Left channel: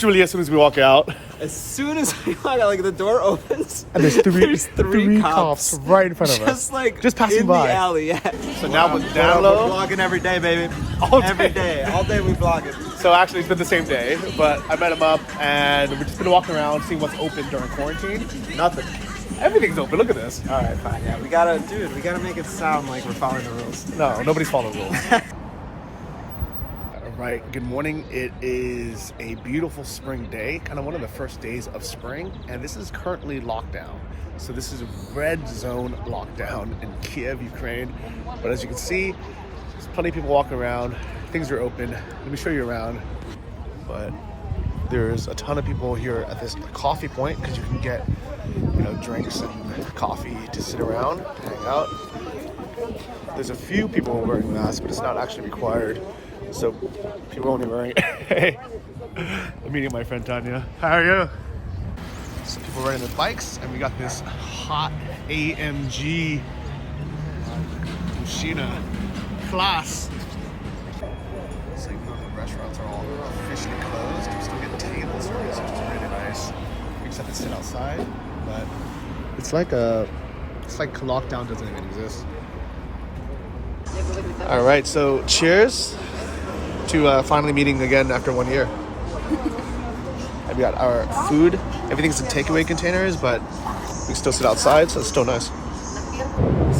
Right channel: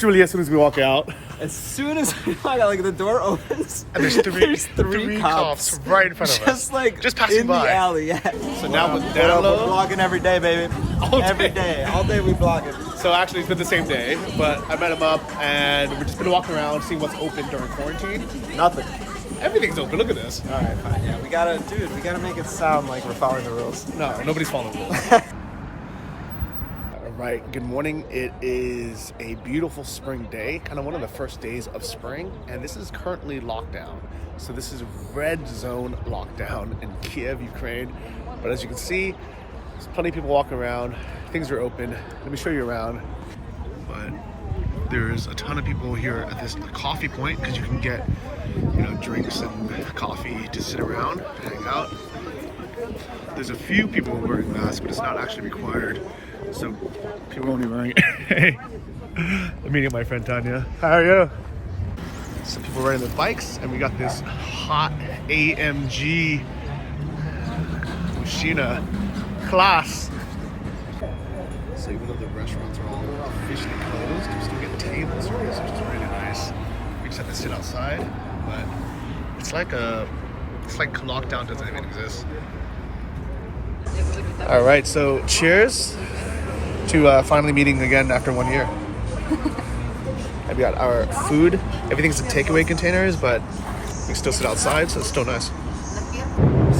literally as soon as we walk out. As soon as we walk out, like the door opens, And there's three cops right in front of us. just like Just passing in by. the alley. Yeah. So now with We're download. vlogging every day, baby. Every day. All day we vlogging. So actually it's been the same day, but I met him up and we've just been walking around seeing what's open during quarantine. Nothing. Everything's open, look at this. All right, fine. Yeah, we gotta make it sound like we're following the rules. No, nobody's following the rules. All right, good morning. It is a beautiful spring day, kind of one of the first days of spring, and this is currently lockdown. So this is red zone lockdown in Kiev, Ukraine. But as you can see, there's plenty of people walking around. Things are open. Let me show you around. But there's a ton of people here at this coffee point because you can get, drinks and coffee to sit around, hang out. There's a few people wearing masks, but it's not actually required. So people won't be wearing it. Hey, I'm meeting my friend Tanya. How are you? So people riding their bikes, and we got this hot AMG Machina class. So even though the restaurants are all officially closed, you still get table service, which is really nice. We just have to sit outside, but it's like lockdown doesn't even exist. All right, so cheers to finally meeting again after 1 year. And we got our food. Everything's in takeaway containers, but we still sit outside, so it's still nice.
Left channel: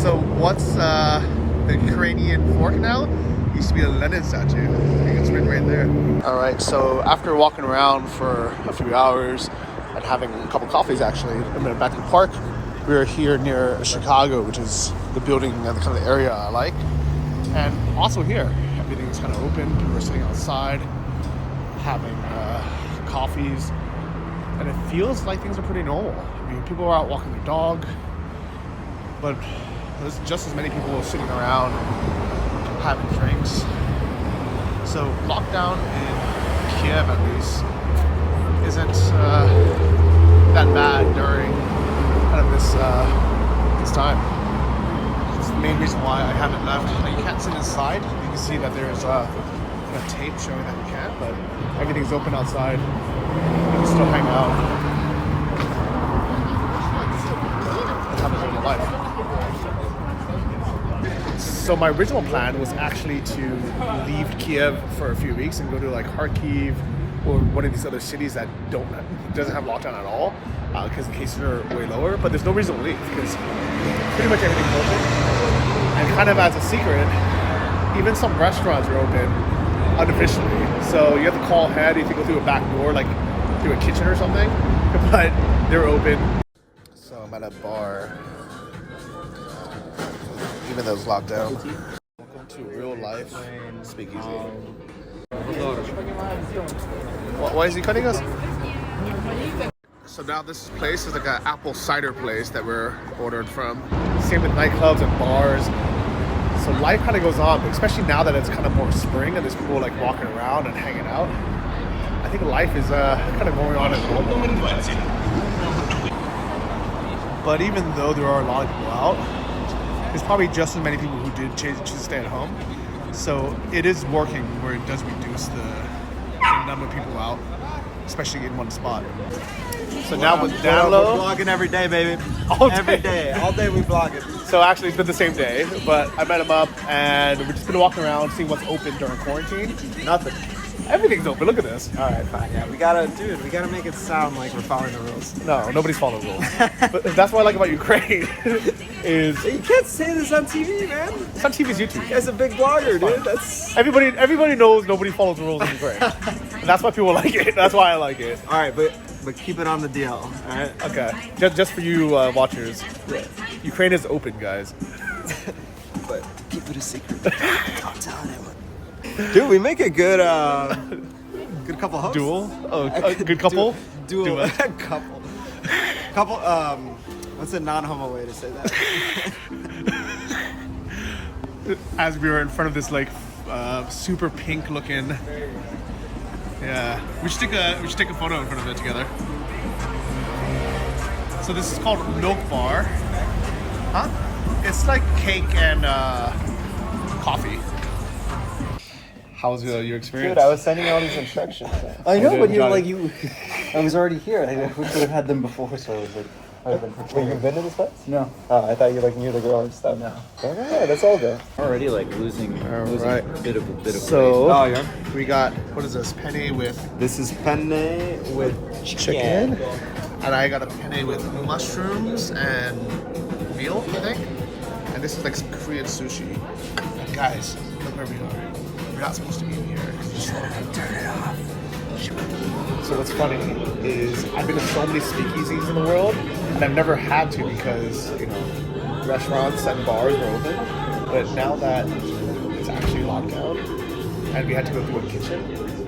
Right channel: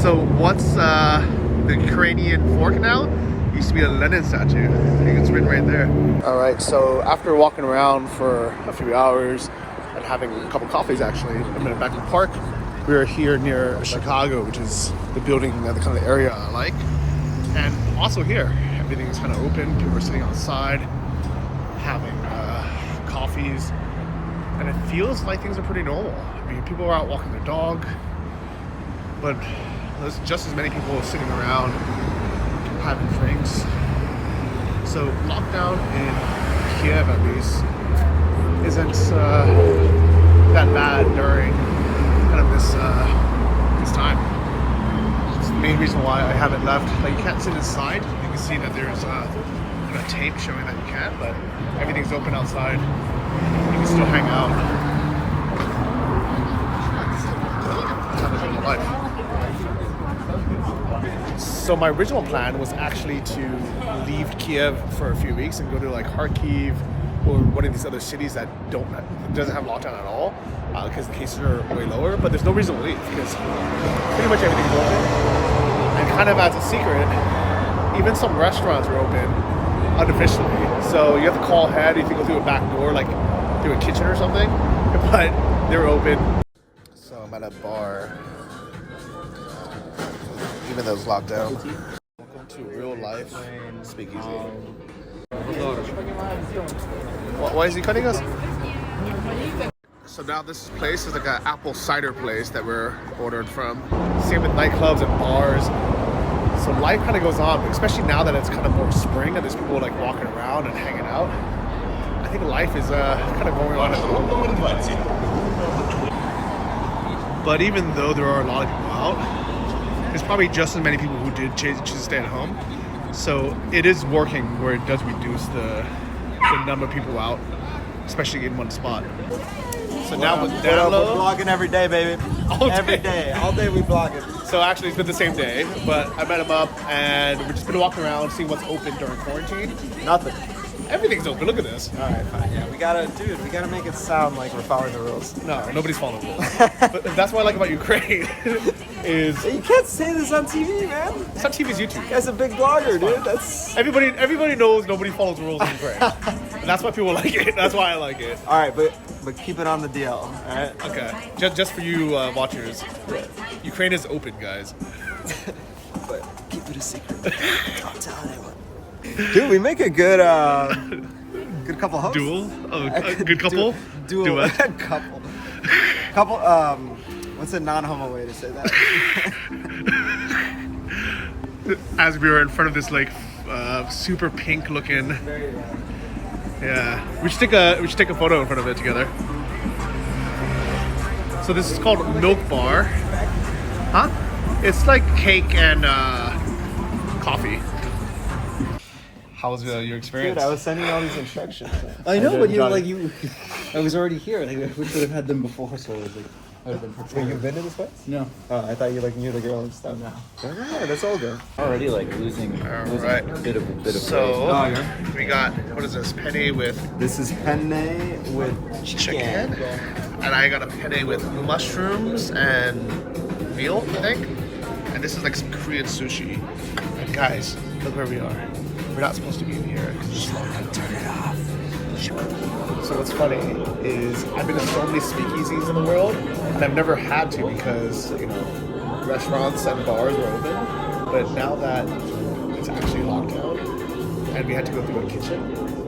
So what's the Ukrainian fork now? Used to be a Lenin statue. I think it's written right there. All right, so after walking around for a few hours and having a couple coffees actually, and then back to the park, we are here near Chicago, which is the building and the kind of area I like. And also here, everything is kind of open. People are sitting outside, having coffees, and it feels like things are pretty normal. I mean, people are out walking their dog, but there's just as many people sitting around having drinks. So lockdown in Kiev, at least, isn't that bad during kind of this time. It's the main reason why I haven't left. Like, you can't sit inside. You can see that there's a tape showing that you can't, but everything's open outside. You can still hang out. Have a normal life. So my original plan was actually to leave Kiev for a few weeks and go to like Kyiv or one of these other cities that doesn't have lockdown at all, because the cases are way lower. But there's no reason to leave because pretty much everything's open. And kind of as a secret, even some restaurants are open unofficially. So you have to call ahead if you go through a back door, like through a kitchen or something. But they're open. So I'm at a bar. Even though it's locked down. Welcome to real life SpeakEasies. Why is he cutting us? So now this place is like an apple cider place that we're ordered from. Same with nightclubs and bars. So life kind of goes on, but especially now that it's kind of more spring and there's people like walking around and hanging out, I think life is kind of going on as normal. But even though there are a lot of people out, there's probably just as many people who did choose to stay at home. So it is working where it does reduce the number of people out, especially in one spot. So now with download, we're vlogging every day, baby. Every day. All day we vlogging. So actually it's been the same day, but I met him up and we've just been walking around seeing what's open during quarantine. Nothing. Everything's open, look at this. All right, fine. Yeah, we gotta make it sound like we're following the rules. No, nobody's following the rules. But that's what I like about Ukraine is... You can't say this on TV, man. It's on TV's YouTube. That's a big blogger, dude. That's... Everybody knows nobody follows the rules in Ukraine. And that's why people like it. That's why I like it. All right, but keep it on the DL, all right? Okay. Just for you watchers. Yeah. Ukraine is open, guys. But keep it a secret. Don't tell anyone. Dude, we make a good good couple hosts. Duel? Oh, a good couple? Duel. Couple. Couple, what's a non-homo way to say that? As we were in front of this like super pink looking, yeah, we should take a photo in front of it together. So this is called Milk Bar. Huh? It's like cake and coffee. How was your experience? Dude, I was sending all these instructions. I know, but you're like I was already here. I wish we would have had them before, so I was like, I would have been Wait, prepared. you've been to this place? No, I thought you like knew the girl and stuff. no. Okay, yeah, let's all go. Already like losing Right. a bit of weight. So Oh, yeah. we got, what is this, penne with This is penne with chicken. and I got a penne with mushrooms and veal, I think. And this is like some Korean sushi. And guys, look where we are. We're not supposed to be in here. Turn it off. So what's funny is I've been to so many speakeasies in the world, and I've never had to because, you know, restaurants and bars are open. But now that it's actually locked down, and we had to go through a kitchen,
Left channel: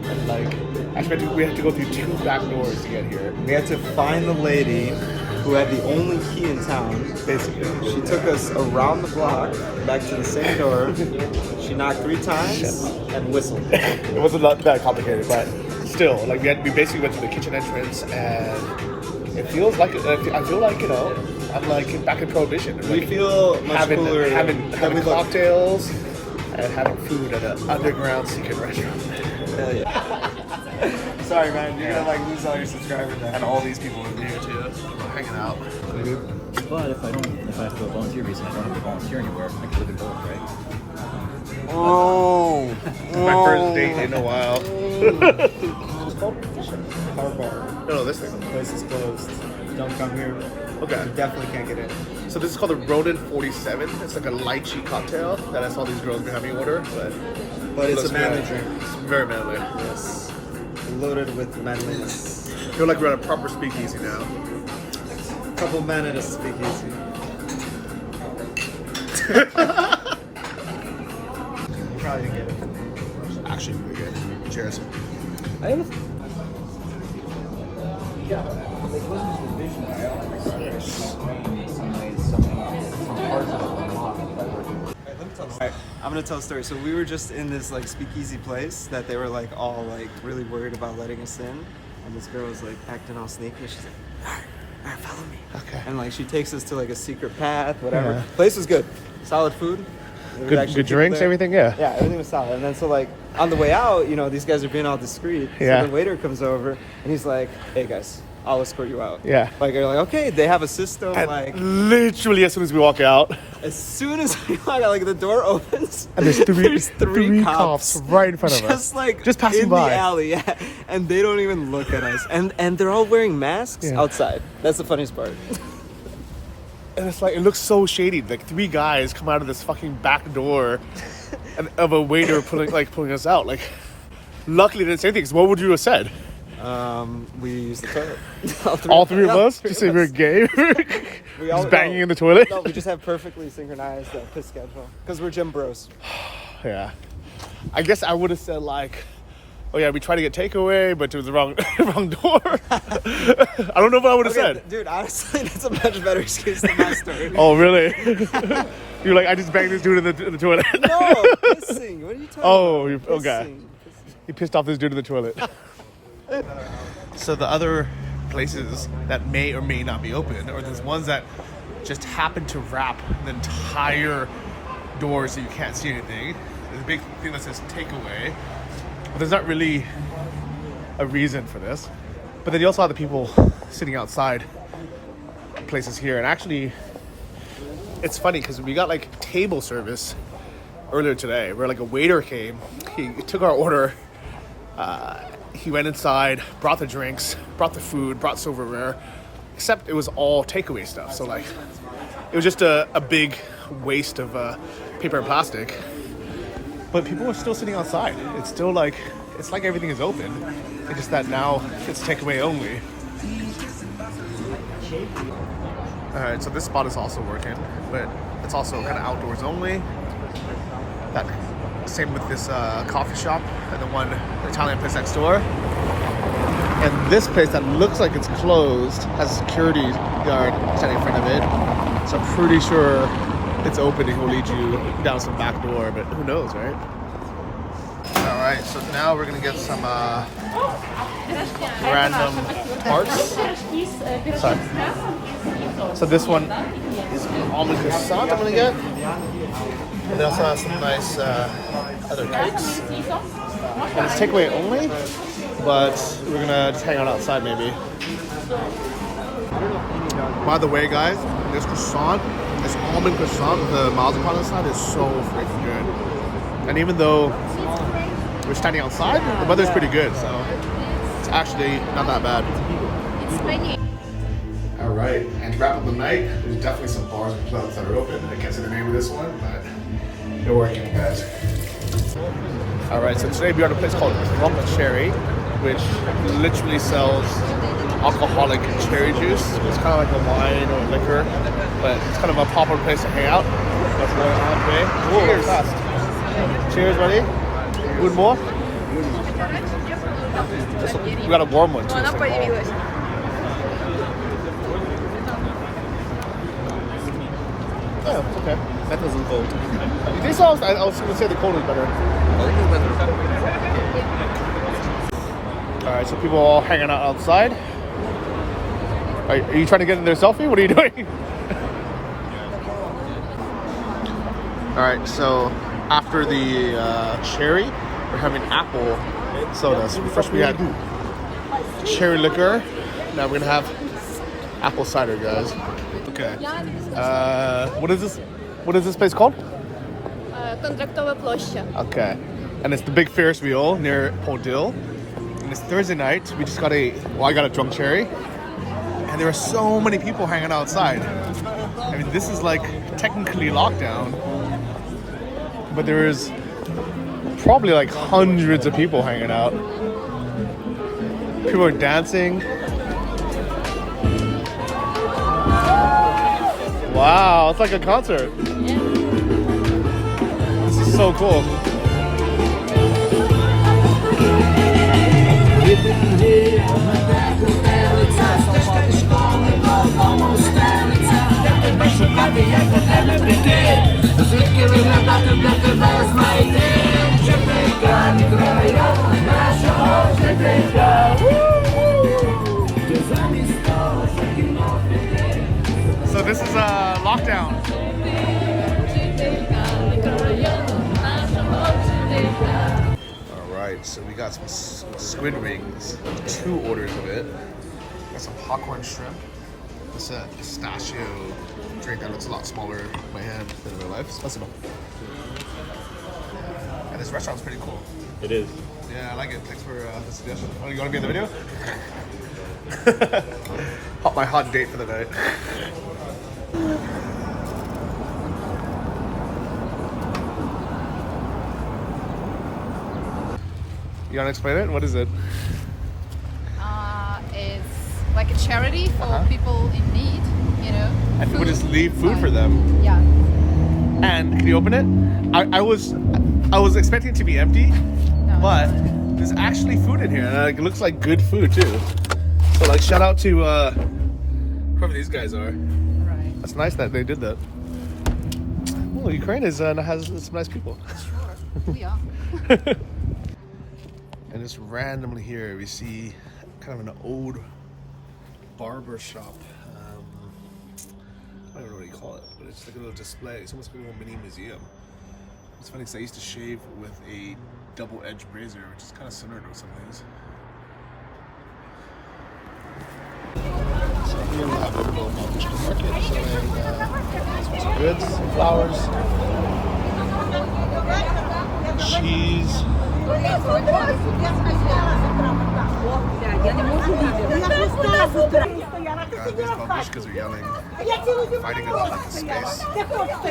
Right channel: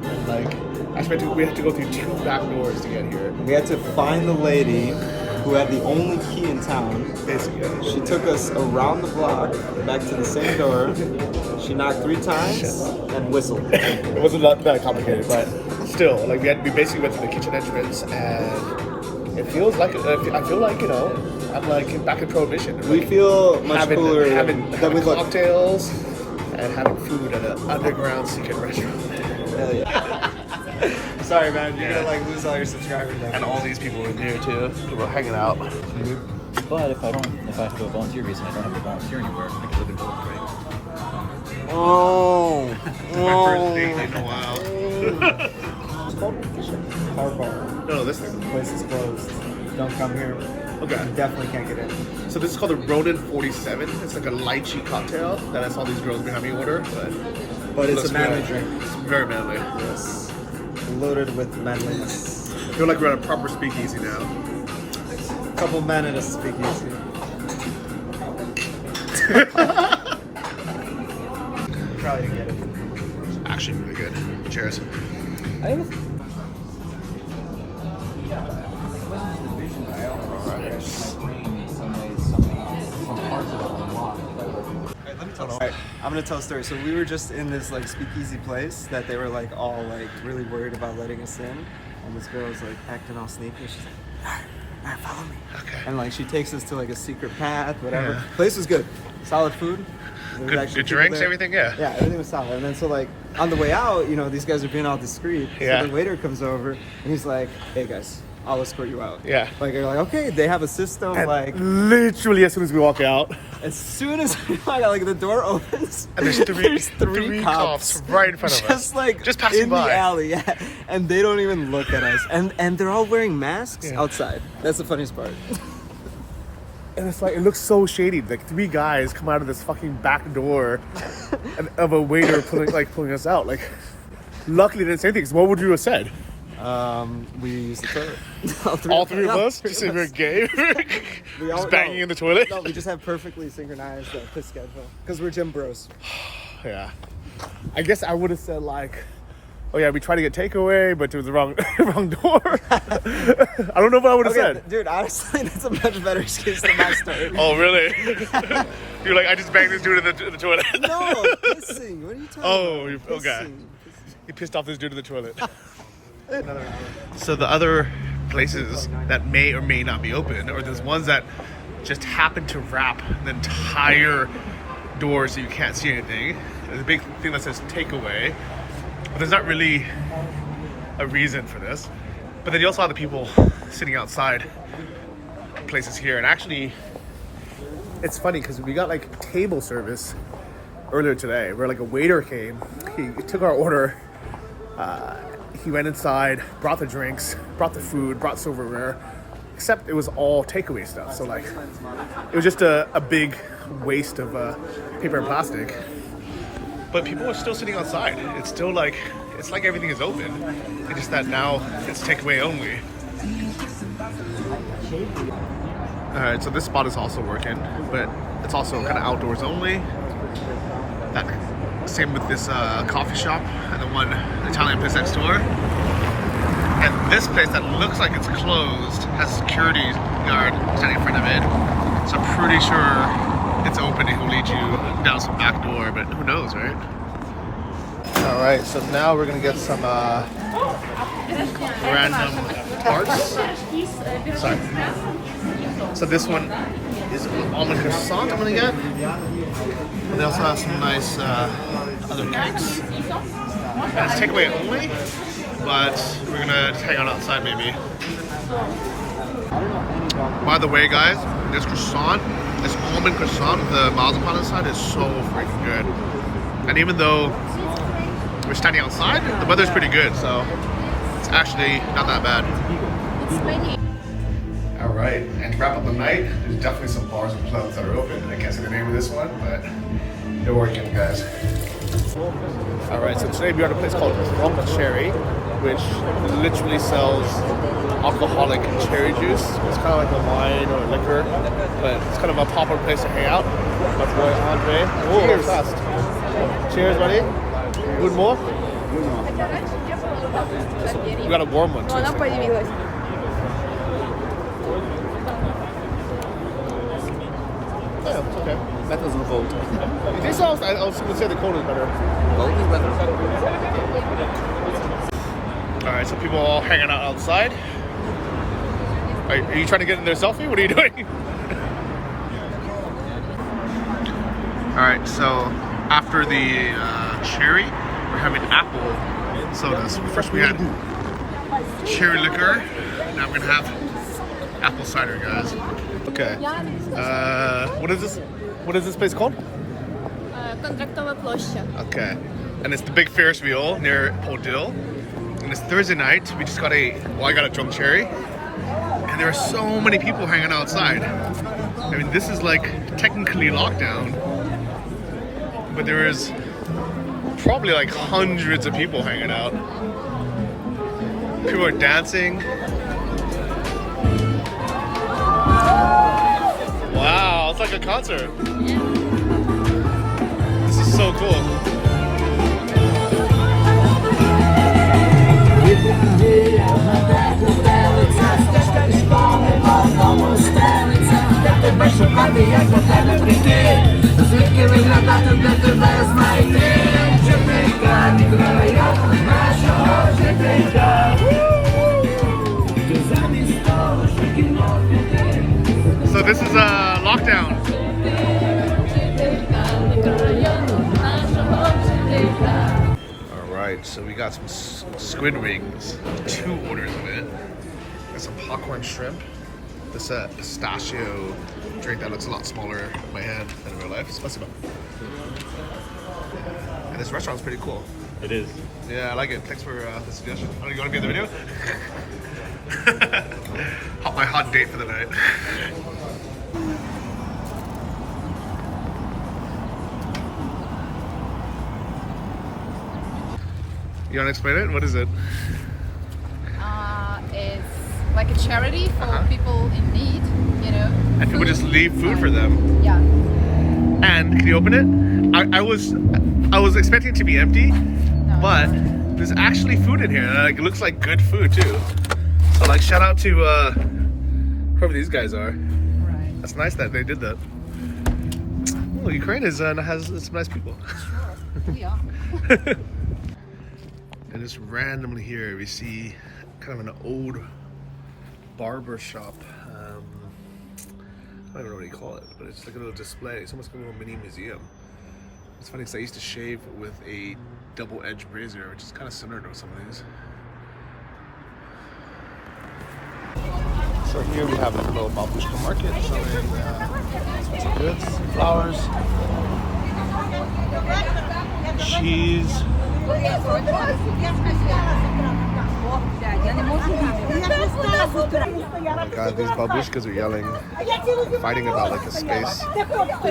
and like, actually we had to go through 2 back doors to get here. We had to find the lady who had the only key in town. Basically. She took us around the block, back to the same door. She knocked 3 times and whistled. It wasn't that complicated, but still, like we basically went through the kitchen entrance, and it feels like I feel like, you know, I'm like back in Prohibition. We Like feel much having cooler than having we look. cocktails and having food at an underground secret restaurant. Sorry, man. You Yeah. gotta like lose all your subscribers now. And all these people in here too. People hanging out. But if I have to go volunteer visa, I don't have to volunteer anywhere. I can live in both, right? Oh. My first date in a while. It's called Car Bar. No, this thing. The place is closed. Don't come here. Okay. You definitely can't get in. So this is called the Rodent 47. It's like a lychee cocktail that I saw these girls behind me order, But it's looks a manly good. drink. It's very manly. Yes. Loaded with manliness. I feel like we're at a proper speakeasy now. Couple men at a speakeasy. Actually really good. Cheers. I have Alright, I'm gonna tell a story. So we were just in this like speakeasy place that they were like all like really worried about letting us in, and this girl was like acting all sneaky. She's like, alright, follow me. Okay. And like she takes us to like a secret path, whatever. Yeah. Place was good, solid food. There was actually Good people drinks, there. everything, yeah. Yeah, everything was solid. And then so like on the way out, you know, these guys are being all discreet. Yeah. So the waiter comes over and he's like, hey guys, I'll escort you out. Yeah. Like you're like, okay, they have a system. And like literally as soon as we walk out, as soon as we walk out, like the door opens and there's three cops right in front of us. just like Just passing in by. the alley, yeah. And they don't even look at us. And they're all wearing masks Yeah. outside. That's the funniest part. And it's like, it looks so shady. Like 3 guys come out of this fucking back door and of a waiter pulling us out. Like, luckily they didn't say anything, 'cause what would you have said? We used the toilet. All three of yeah, us? Just say we're gay? We all Just banging no. in the toilet? No, we just have perfectly synchronized piss schedule because we're gym bros. Yeah. I guess I would have said like, oh yeah, we tried to get takeaway, but it was the wrong door. I don't know what I would have said. Dude, honestly, that's a much better excuse than my story. Oh, really? You're like, I just banged this dude in the toilet. No, pissing. What are you talking Oh, about? okay. Pissing. He pissed off this dude in the toilet. So the other places that may or may not be open, or there's ones that just happen to wrap the entire door so you can't see anything. There's a big thing that says takeaway, but there's not really a reason for this. But then you also have the people sitting outside places here, and actually it's funny because we got like table service earlier today where like a waiter came, he took our order, he went inside, brought the drinks, brought the food, brought silverware, except it was all takeaway stuff. So like, it was just a big waste of paper and plastic. But people were still sitting outside. It's still like, it's like everything is open. It's just that now it's takeaway only. Alright, so this spot is also working, but it's also kind of outdoors only. Same with this coffee shop and the one Italian place next door. And this place that looks like it's closed has a security guard standing in front of it. So I'm pretty sure it's open and he'll lead you down some back door, but who knows, right? All right, so now we're gonna get some random tarts. Sorry. So this one is almond croissant I'm gonna get. And they also have some nice other cakes. And it's takeaway only, but we're gonna just hang out outside maybe. By the way, guys, this croissant, this almond croissant with the marzipan inside is so freaking good. And even though we're standing outside, the weather's pretty good, so it's actually not that bad. All right, and to wrap up the night, there's definitely some bars and clubs that are open. I can't say the name of this one, but they're working, guys. All right, so today we are at a place called Drunk Cherry, which literally sells alcoholic cherry juice. It's kind of like a wine or a liquor, but it's kind of a popular place to hang out. My boy Andre. Oh, that was fast. Cheers, buddy. One more? We got a warm one too. It's like, oh. Yeah, it's okay. That doesn't cold. You think so? I was going to say the cold is better. Cold is better. All right, so people are all hanging out outside. Are you trying to get in their selfie? What are you doing? All right, so after the cherry, we're having apple sodas. First we had cherry liquor. Now we're gonna have apple cider, guys. Okay. What is this? What is this place called? Контрактова площа. Okay. And it's the big Ferris wheel near Podil. And it's Thursday night. We just got I got a drunk cherry. And there are so many people hanging outside. I mean, this is like technically lockdown. But there is probably like hundreds of people hanging out. People are dancing. Wow, it's like a concert. This is so cool. So this is a lockdown. All right, so we got some squid rings, 2 orders of it. Got some popcorn shrimp. This pistachio drink that looks a lot smaller in my hand than in real life. It's awesome. And this restaurant's pretty cool. It is. Yeah, I like it. Thanks for the suggestion. Oh, you want to be in the video? My hot date for the night. You want to explain it? What is it? It's like a charity for people in need, you know. And people just leave food for them. Yeah. And can you open it? I was expecting it to be empty, No, but there's actually food in here, and it looks like good food too. So like, shout out to whoever these guys are. Right. That's nice that they did that. Well, Ukraine has some nice people. Sure. We are. And just randomly here we see kind of an old barber shop. I don't know what you call it, but it's like a little display. It's almost like a little mini museum. It's funny because I used to shave with a double-edged razor, which is kind of similar to some of these. So here we have like a little market selling some goods, some flowers, cheese. God, these babushkas are yelling, fighting about like a space. Babushka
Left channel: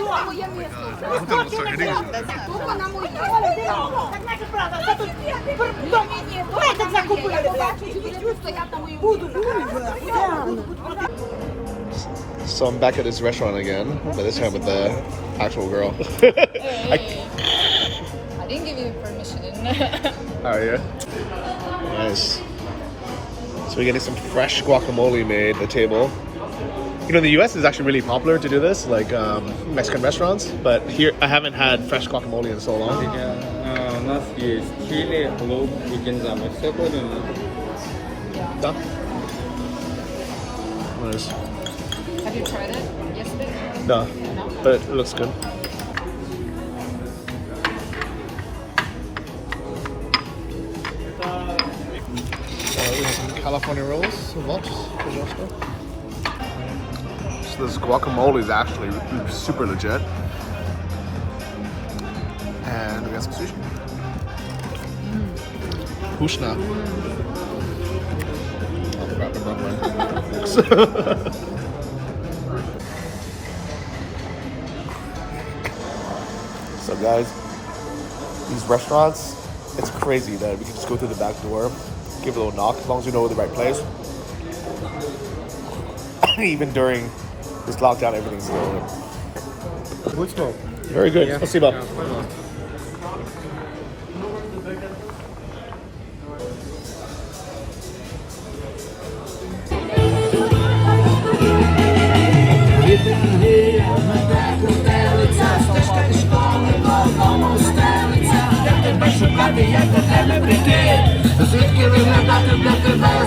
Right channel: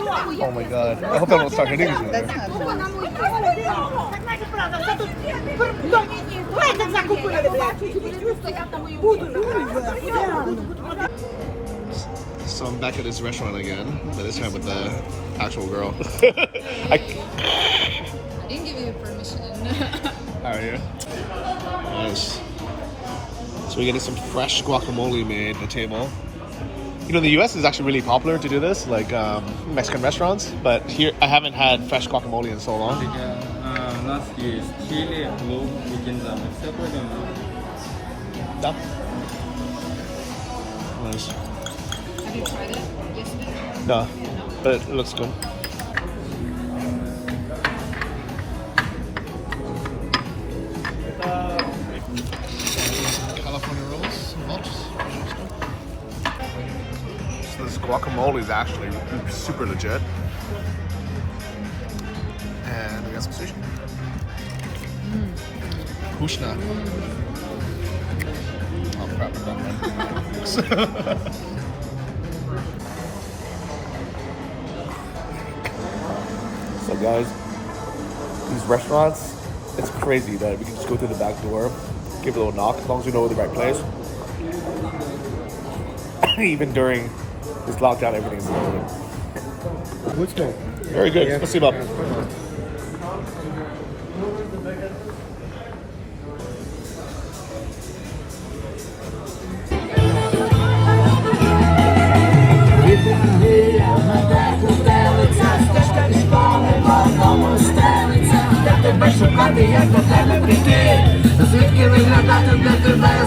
mafia? Oh my god, I hope I don't start hitting each other. So I'm back at this restaurant again, but this time with the actual girl. I didn't give you permission. How are you? Nice. So we're getting some fresh guacamole made at the table. You know, in the US it's actually really popular to do this, like Mexican restaurants, but here I haven't had fresh guacamole in so long. Nice. Have you tried it yesterday? No, but it looks good. California rolls, so much. So this guacamole is actually super legit. And we got some sushi. Kushna. Oh crap, I'm not wearing So guys, these restaurants, it's crazy that we can just go through the back door, give a little knock, as long as we know the right place. Even during this lockdown, everything's still open. Good smoke. Very good. Yeah. Let's see about. Шукати, як до тебе прийти, звідки виглядати для тебе